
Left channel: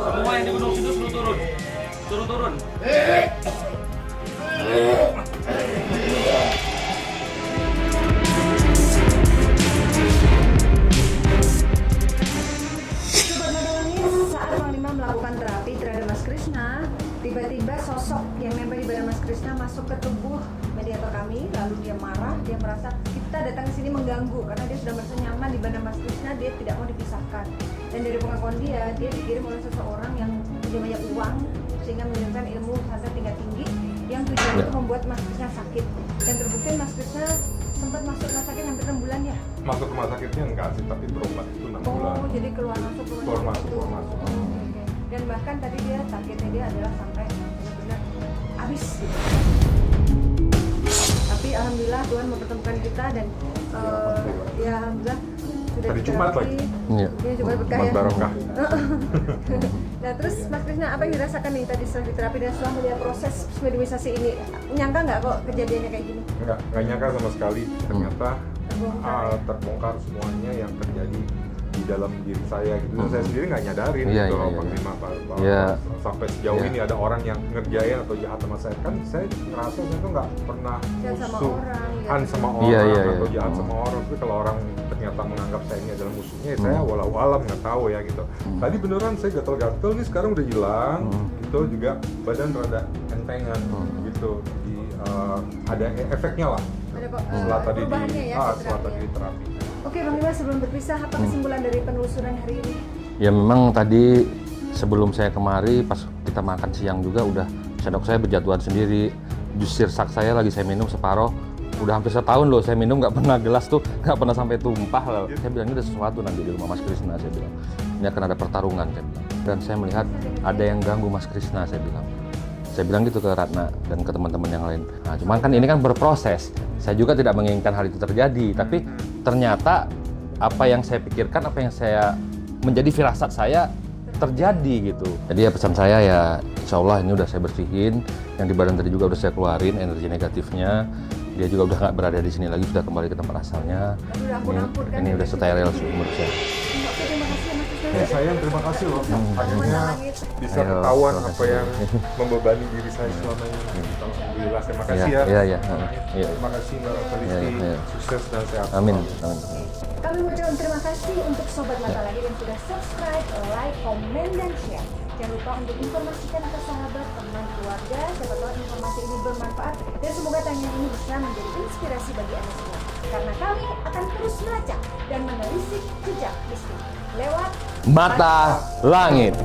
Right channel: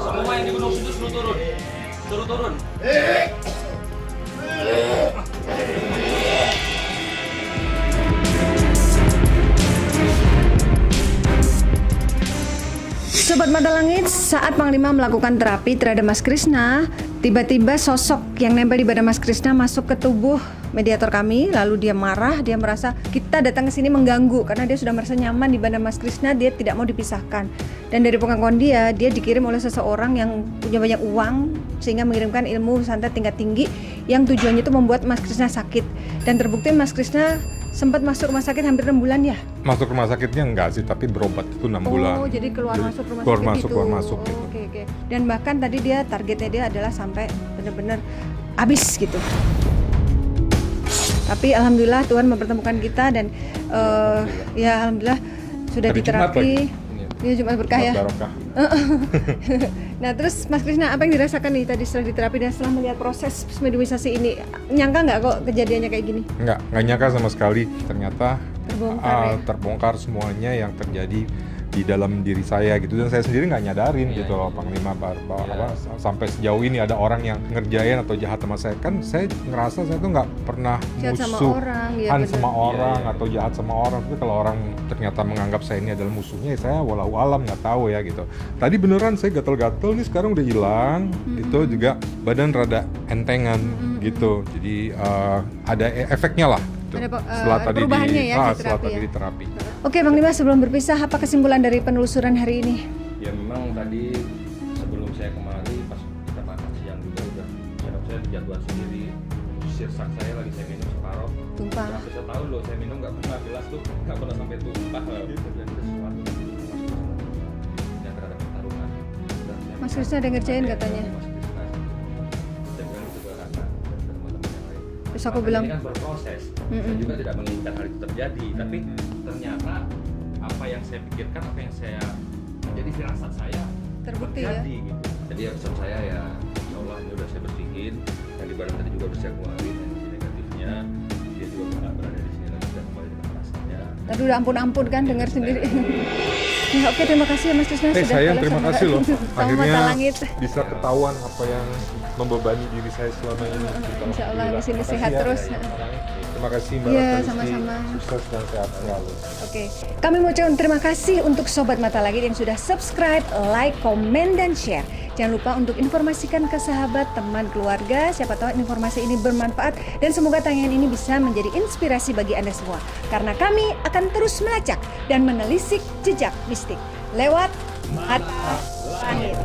Semua yang di gunung sindur suruh turun. Suruh turun. Sobat Mata Langit, saat Panglima melakukan terapi terhadap Mas Krisna, tiba-tiba sosok yang nempel di badan Mas Krisna masuk ke tubuh mediator kami, lalu dia marah, dia merasa kita datang ke sini mengganggu karena dia sudah merasa nyaman di badan Mas Krisna, dia tidak mau dipisahkan. Dan dari pengakuan dia dikirim oleh seseorang yang punya banyak uang sehingga mengirimkan ilmu santet tingkat tinggi yang tujuannya itu membuat Mas Krisna sakit. Dan terbukti Mas Krisna sempat masuk rumah sakit hampir 6 bulan ya? Masuk rumah sakitnya enggak sih, tapi berobat itu 6 bulan. Oh, jadi keluar masuk rumah Keluar sakit masuk, itu. keluar masuk. Oke. Dan bahkan tadi dia targetnya dia adalah sampai benar-benar habis gitu. Tapi alhamdulillah Tuhan mempertemukan kita dan ya alhamdulillah sudah Hari Jumat diterapi. Iya. Ini Jumat berkah ya. Barokah. Nah terus Mas Krisna apa yang dirasakan nih tadi setelah diterapi dan setelah melihat proses mediumisasi ini? Nyangka nggak kok kejadiannya kayak gini? Nggak nyangka sama sekali. Ternyata terbongkar ya. terbongkar semuanya yang terjadi di dalam diri saya gitu, dan saya sendiri nggak nyadarin Iya, gitu iya, iya. Panglima, bahwa Iya. sampai sejauh ini ada orang yang ngerjain atau jahat sama saya. Kan saya ngerasa saya tuh nggak pernah Jahat sama musuhan orang, ya sama betul. orang Iya, iya, atau iya. jahat sama orang, tapi kalau orang ternyata menganggap saya ini adalah musuhnya, ya saya walau alam nggak tahu ya gitu. Tadi beneran saya gatel-gatel nih, sekarang udah hilang. Itu juga badan rada entengan gitu, jadi ada efeknya lah. Ada Setelah tadi perubahannya ya, setelah terapi tadi ya. di terapi. Oke Bang Lima, sebelum berpisah apa kesimpulan dari penelusuran hari ini? Ya memang tadi sebelum saya kemari pas kita makan siang juga udah sendok saya berjatuhan sendiri. Jus sirsak saya lagi saya minum separoh. Tumpah. Udah hampir setahun loh saya minum, nggak pernah gelas tuh nggak pernah sampai tumpah. Saya bilang ini ada sesuatu nanti di rumah Mas Krisna, saya bilang. Ini akan ada pertarungan saya bilang. Dan saya Mas melihat Krisna ada ngerjain ada yang katanya. ganggu Mas Krisna, saya bilang. Saya bilang gitu ke Ratna dan ke teman-teman yang lain. Nah, Terus cuman aku kan bilang, ini kan berproses. Saya juga tidak menginginkan hal itu terjadi, tapi ternyata apa yang saya pikirkan, apa yang saya menjadi firasat saya terjadi gitu. Jadi ya pesan saya ya, insya Allah ini udah saya bersihin, yang di badan tadi juga udah saya keluarin energi negatifnya. Dia juga udah nggak berada di sini lagi, sudah kembali ke tempat asalnya. Tadi udah ampun-ampun kan Ini dengar udah steril sendiri. sendiri. Ya, oke, terima kasih ya Mas Krisna. Sayang, boleh terima sama kasih loh. Tamu Akhirnya Mata Langit. bisa Ya, ketahuan terima apa yang membebani diri saya selama ini. Gitu. Insya Allah Alhamdulillah. masih Terima sehat kasih ya. terus. Iya, iya. Iya. Terima kasih Mbak Iya, Ratna Listi. sama-sama. Sukses dan sehat Amin. selalu. Oke, kami mau ucapkan terima kasih untuk Sobat Mata Langit yang sudah subscribe, like, komen, dan share. Jangan lupa untuk informasikan ke sahabat, teman, keluarga. Siapa tahu informasi ini bermanfaat dan semoga tayangan ini bisa menjadi inspirasi bagi Anda semua. Karena kami akan terus melacak dan menelisik jejak mistik lewat Mata Langit.